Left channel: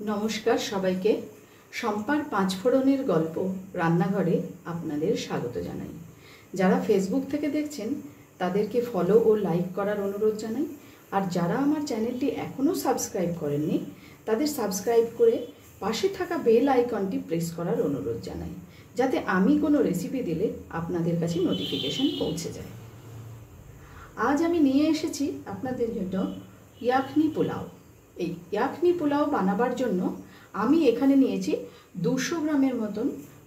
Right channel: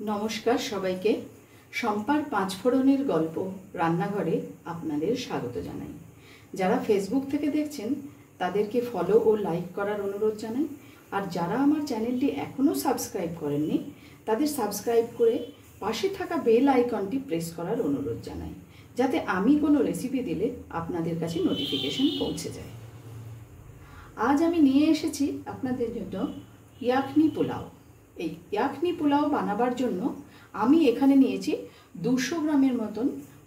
নমস্কার সবাইকে। শম্পার পাঁচফোড়নের গল্প রান্নাঘরে আপনাদের স্বাগত জানাই। যারা ফেসবুক থেকে দেখছেন তাদেরকে ফলো ও লাইক করার অনুরোধ জানাই। আর যারা আমার চ্যানেলটি এখনও সাবস্ক্রাইব করেননি তাদের সাবস্ক্রাইব করে পাশে থাকা বেল আইকনটি প্রেস করার অনুরোধ জানাই, যাতে আমি কোনো রেসিপি দিলে আপনাদের কাছে নোটিফিকেশন পৌঁছে যায়। আজ আমি নিয়ে এসেছি আপনাদের জন্য ইয়াখনি পোলাও। এই ইয়াখনি পোলাও বানাবার জন্য আমি এখানে নিয়েছি 200 গ্রামের মতন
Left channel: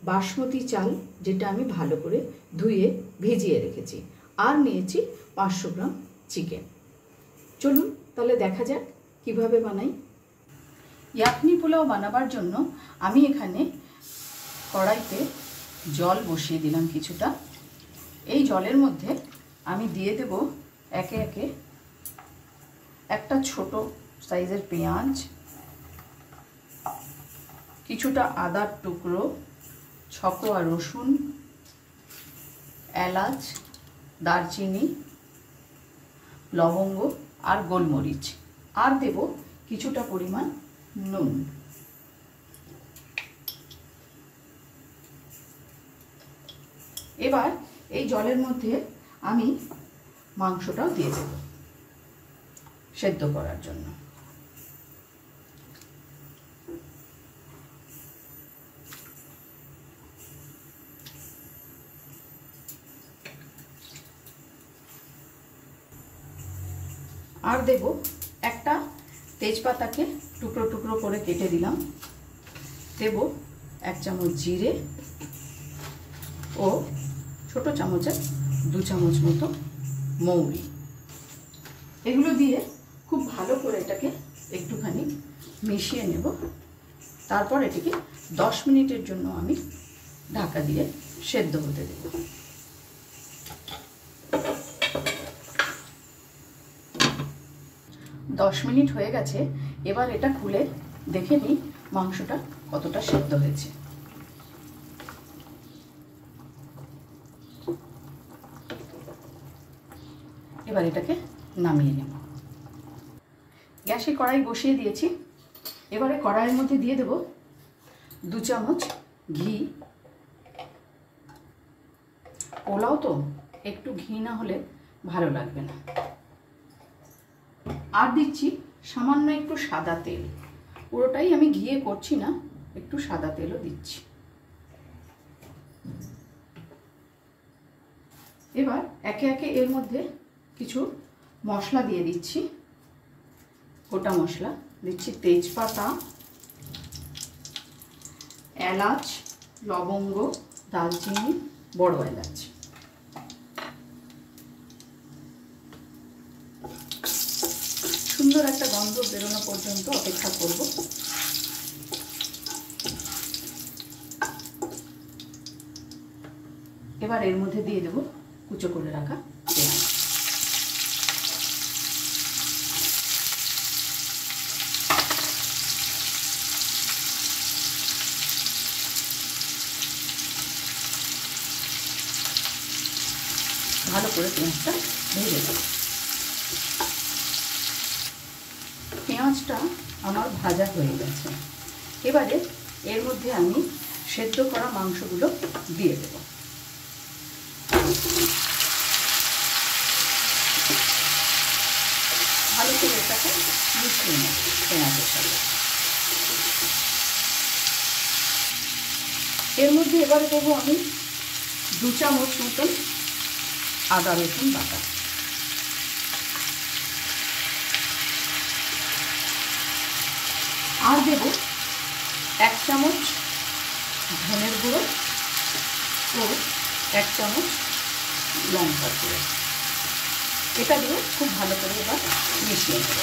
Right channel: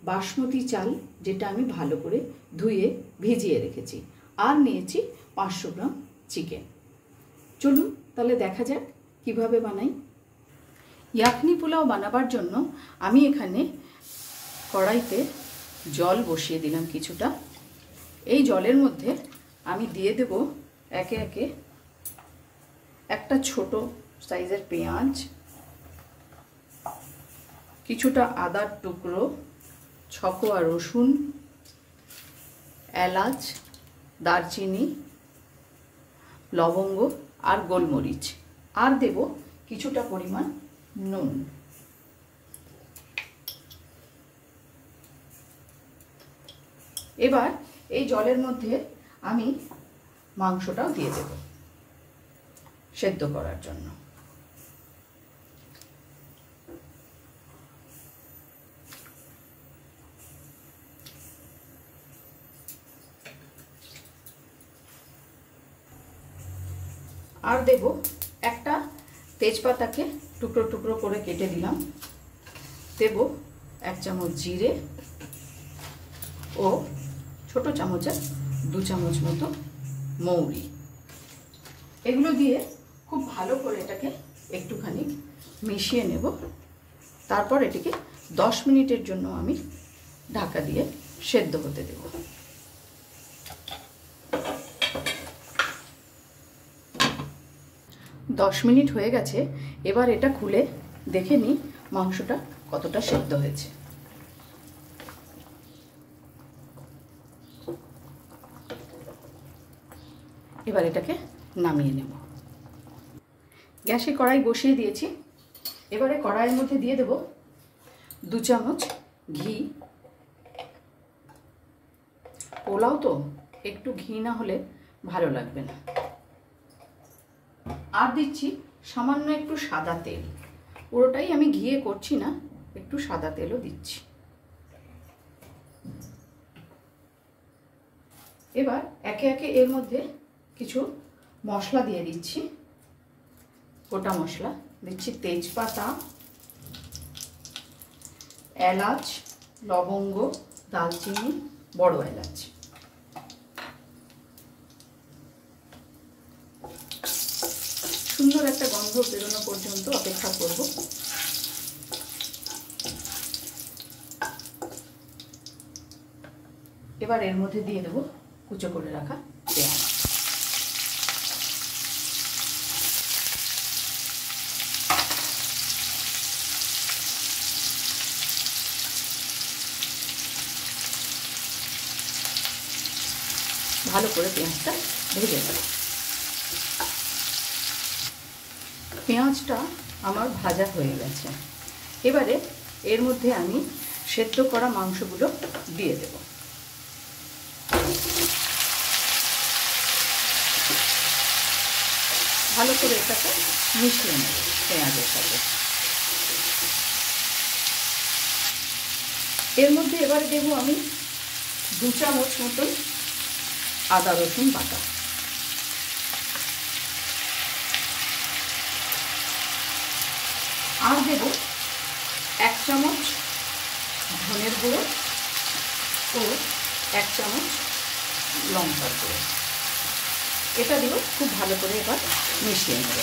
বাসমতি চাল, যেটা আমি ভালো করে ধুয়ে ভিজিয়ে রেখেছি, আর নিয়েছি 500 গ্রাম চিকেন। চলুন তাহলে দেখা যাক কিভাবে বানাই। ইয়াখনি পোলাও বানাবার জন্য আমি এখানে কড়াইতে জল বসিয়ে দিলাম কিছুটা। এই জলের মধ্যে আমি দিয়ে দেব একে একে একটা ছোট সাইজের পেঁয়াজ, কিছুটা আদার টুকরো, ছকোয়া রসুন, এলাচ, দারচিনি, লবঙ্গ আর গোলমরিচ, আর দেব কিছুটা পরিমাণ নুন। এবার এই জলের মধ্যে আমি মাংসটাও দিয়ে দেব সেদ্ধ করার জন্য। আর দেব একটা তেজপাতাকে টুকরো টুকরো করে কেটে দিলাম। দেব 1 চামচ জিরে ও ছোট চামচের 2 চামচ মতো মৌরি। এগুলো দিয়ে খুব ভালো করে এটাকে একটুখানি মিশিয়ে নেব। তারপর এটিকে 10 মিনিটের জন্য আমি ঢাকা দিয়ে সেদ্ধ হতে দেব। দশ মিনিট হয়ে গেছে। এবার এটা খুলে দেখে নিই মাংসটা কতটা সেদ্ধ হয়েছে। এবার এটাকে নামিয়ে নেব। গ্যাসে কড়াই বসিয়ে দিয়েছি। এবারে কড়াইয়ের মধ্যে দিয়ে দেব 2 চামচ ঘি। পোলাও তো একটু ঘি না হলে ভালো লাগবে না। আর দিচ্ছি সামান্য একটু সাদা তেল। পুরোটাই আমি ঘিয়ে করছি না, একটু সাদা তেলও দিচ্ছি। এবার একে একে এর মধ্যে কিছু মশলা দিয়ে দিচ্ছি। গোটা মশলা দিচ্ছি তেজপাতা, এলাচ, লবঙ্গ, দালচিনি, বড় এলাচ। সুন্দর একটা গন্ধ বেরোনো পর্যন্ত অপেক্ষা করব। এবার এর মধ্যে দিয়ে দেব কুচো করে রাখা পেঁয়াজ। ভালো করে পেঁয়াজটা ভেজে দেব। পেঁয়াজটা আমার ভাজা হয়ে গেছে। এবারে এর মধ্যে আমি সেদ্ধ করা মাংসগুলো দিয়ে দেব। ভালো করে এটাকে মিশিয়ে নেব পেঁয়াজের সাথে। এর মধ্যে এবারে দেবো আমি 2 চামচ মতন আদা রসুন বাটা। আর দেব 1 চামচ ধনের গুঁড়ো ও 1 চামচ লঙ্কার গুঁড়ো। এটা দিয়ে খুব ভালো করে এবার মিশিয়ে নেব।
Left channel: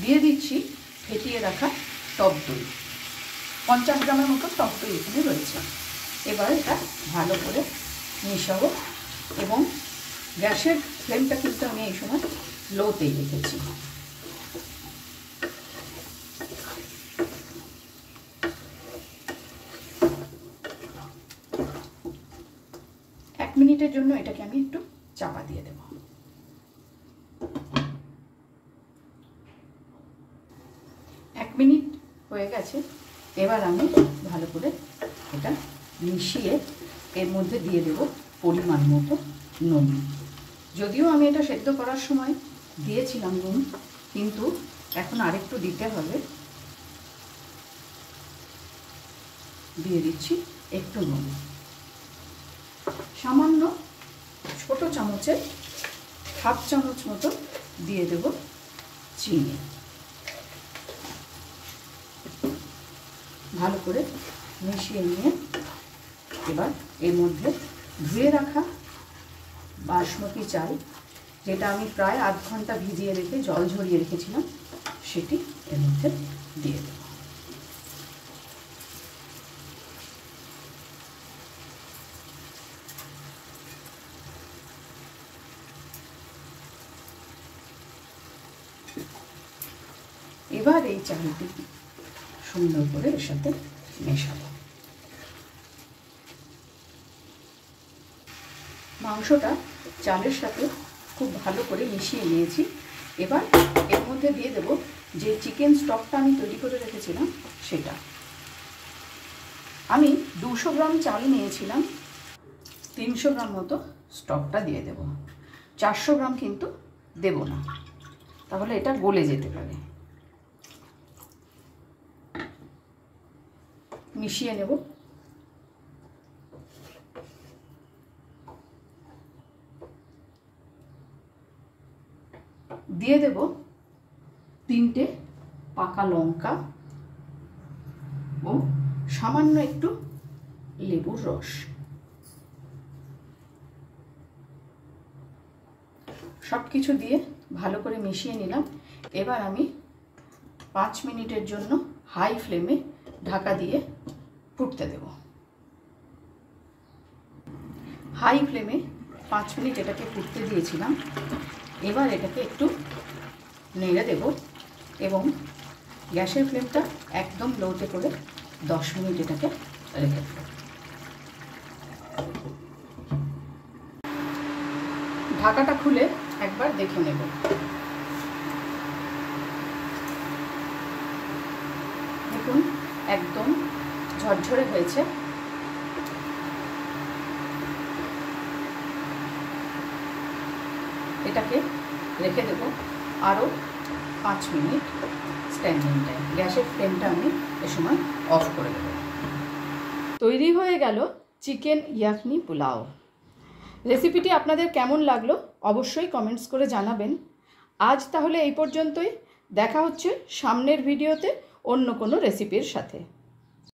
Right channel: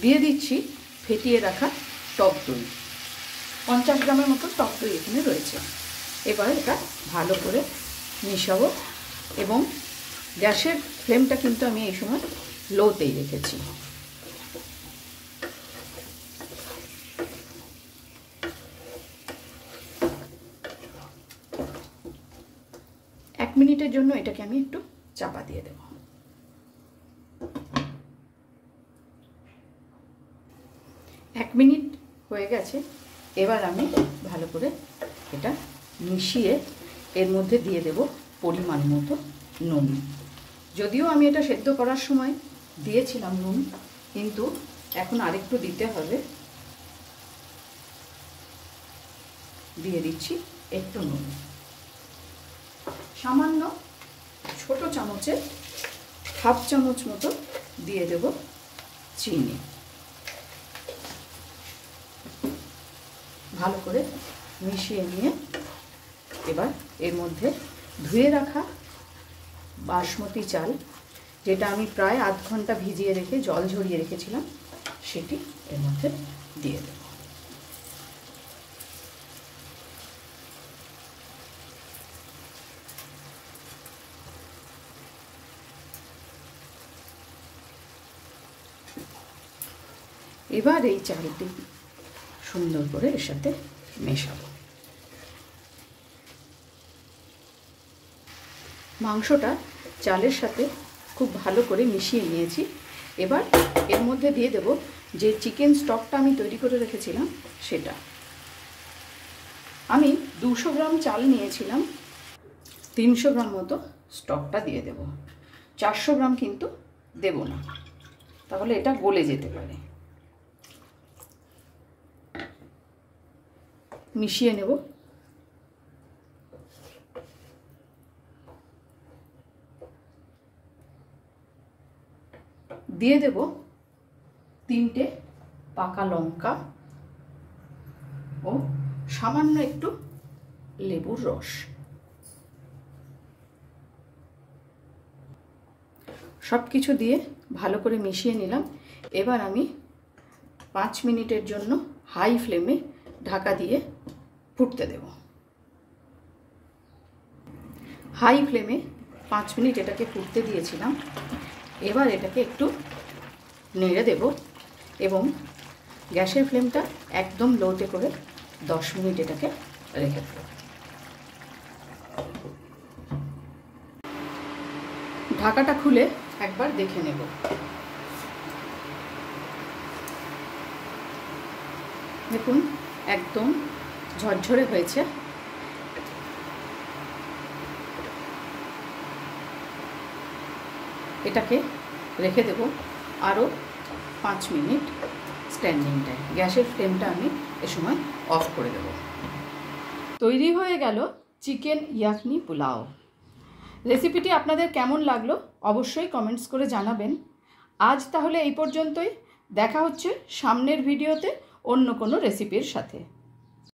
দিয়ে দিচ্ছি ফেটিয়ে রাখা টক দই। 50 গ্রামের মতো টক দই এখানে রয়েছে। এবার এটা ভালো করে মিশাবো এবং গ্যাসের ফ্লেমটা কিন্তু আমি এই সময় লোতেই রেখেছি। 1 মিনিটের জন্য এটাকে আমি একটু চাপা দিয়ে দেব। এক মিনিট হয়ে গেছে। এবার আমি ভালো করে এটা মিশিয়ে এর মধ্যে দিয়ে দেব পরিমাণ মতো নুন। যদিও আমি এটা সেদ্ধ করার সময় দিয়েছিলাম নুন, কিন্তু এখন আরেকটু দিতে হবে। দিয়ে দিচ্ছি একটু নুন, সামান্য ছোট চামচের হাফ চামচ মতো দিয়ে দেব চিনি। ভালো করে মিশিয়ে নিয়ে এবার এর মধ্যে ধুয়ে রাখা বাসমতি চাল, যেটা আমি প্রায় আধ ঘন্টা ভিজিয়ে রেখে জল ঝরিয়ে রেখেছিলাম, সেটি এর মধ্যে দিয়ে দেব। এবার এই চালটি সুন্দর করে এর সাথে মেশাবো। মাংসটা চালের সাথে খুব ভালো করে মিশিয়ে নিয়েছি। এবার এর মধ্যে দিয়ে দেব যে চিকেন স্টকটা আমি তৈরি করে রেখেছিলাম সেটা। আমি 200 গ্রাম চাল নিয়েছিলাম, 300 গ্রাম মতো স্টকটা দিয়ে দেব। 400 গ্রাম কিন্তু দেব না, তাহলে এটা গলে যেতে পারে। মিশিয়ে নেব। দিয়ে দেব 3টে পাকা লঙ্কা ও সামান্য একটু লেবুর রস। সব কিছু দিয়ে ভালো করে মিশিয়ে নিলাম। এবার আমি 5 মিনিটের জন্য হাই ফ্লেমে ঢাকা দিয়ে ফুটতে দেব। হাই ফ্লেমে 5 মিনিট এটাকে ফুটতে দিয়েছিলাম। এবার এটাকে একটু নেড়ে দেব এবং গ্যাসের ফ্লেমটা একদম লোতে করে 10 মিনিট এটাকে রেখে দেব। ঢাকাটা খুলে একবার দেখে নেব। দেখুন একদম ঝরঝরে হয়েছে। এটাকে রেখে দেব আরও 5 মিনিট স্ট্যান্ডিং টাইম। গ্যাসের ফ্লেমটা আমি এ সময় অফ করে দেব। তৈরি হয়ে গেল চিকেন ইয়াখনি পোলাও। রেসিপিটি আপনাদের কেমন লাগলো অবশ্যই কমেন্টস করে জানাবেন। আজ তাহলে এই পর্যন্তই। দেখা হচ্ছে সামনের ভিডিওতে অন্য কোনো রেসিপির সাথে।